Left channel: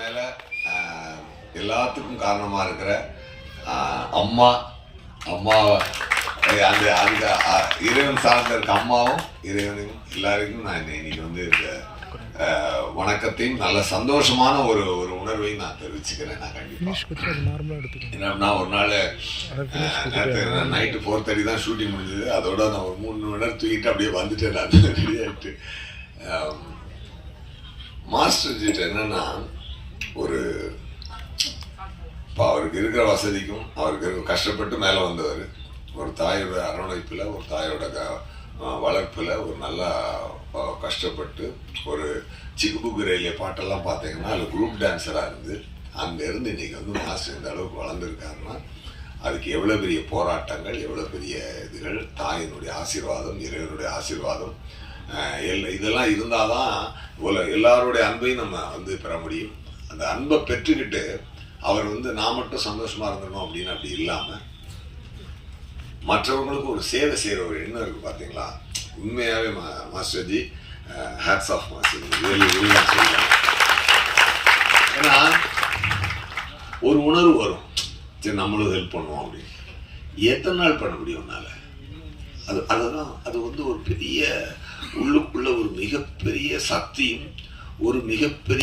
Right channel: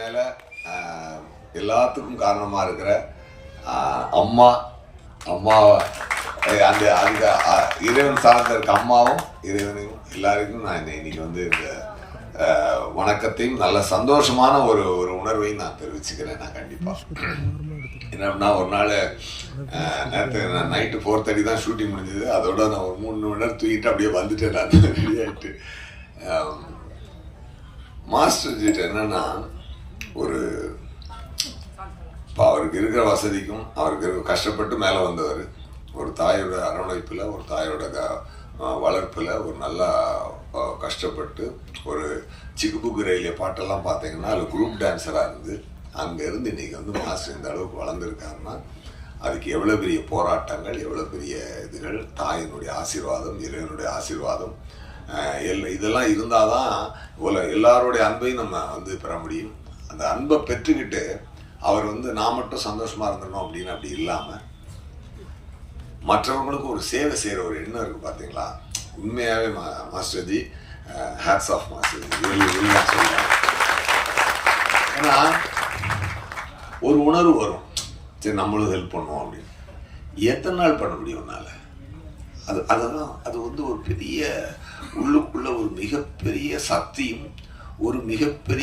மேல எல்லாத்துக்கும் காரணமா இருக்கிற அம்மா அம்மாவை அந்த அதுக்கு இறைவன் சார்ந்த இருக்க அம்மாவும் இறைவனுக்கும் எல்லாருக்கும் நான் இன்னைக்கு வந்து இந்த வணக்கத்தையும் நல்ல சந்தோஷமான ஒரு ஒரு உணர்வையும் நான் தெரிவிச்சுக்கிறேன் நான் கண்டிப்பா. நார்மலாக எடுத்துக்கணும் என்னன்னா ஒரு நாள் நேரத்து நைட்டு ஃபோர் தேர்ட்டி தான் ஷூட்டிங் முடிஞ்சது. அதோட நான் ஒரு மூணு மணி நேரம் தூக்கிட்டு அப்படியே வந்துட்டேன் நான். ரெடி ஆகிட்டு மாஸ்டர் என்னன்னா ஒரு இப்போ அவருக்கு இருக்கிற வசதிக்கும் அவருக்கு கஷ்டப்பட்டு மேலே வந்தவர். ஒரு தாயோட அரவணைப்பில் ஒரு தாயோட க வளர்ப்பில் ஒரு நல்லா கஷ்டப்பட்டு ஒரு சிக்குபுக்கு ரயிலே பாட்டெல்லாம் பார்த்தீங்கன்னா அதில் குரூப் டான்ஸராக இருந்து அங்கேருந்து இன்னைக்கு வந்து மாஸ்டர் இந்த அளவுக்கு வளர்ந்துருக்காருன்னா அதுக்கு எவ்வளோ பெரிய போராட்டங்கள் எவ்வளோ பெரிய இதுகள் தாயினுடைய ஆசீர்வாதம் இறைவனுடைய ஆசீர்வாதம் எல்லாம் இதெல்லாம் இருந்தால் தான் இவ்வளோ எல்லாருடைய அன்பையும் நம்ம வந்து பெற முடியும். அந்த அன்பை பெற்றுக்கிட்டு அவர் வந்து நான் மட்டும் சந்தோஷமா இருந்துடணும் அப்படின்னு அப்படி இல்லாமல் மற்றவங்களுக்கு ஒரு சேவை செய்கிற ஒரு எண்ணம் இருக்குது பார்த்தீங்களா உண்மையாகவே மா மாஸ்டர்ஜி ஹேட்ஸ் ஆஃப் மாஸ்டர்ஜி வெளி சொல்கிறேன் ஏன்னா ஒரு உணர்வு வரும். சரி நம்மளும் ஹெல்ப் பண்ணுவோம் அப்படின்னு. எத்தனை நாள் பண்ண முடியும் உன்னால? அது அதெல்லாம் அது வந்து ஒரு பெரிய உள்ளுக்குள்ள ஒரு மிகப்பெரிய சக்தியும் ஒரு மிகப்பெரிய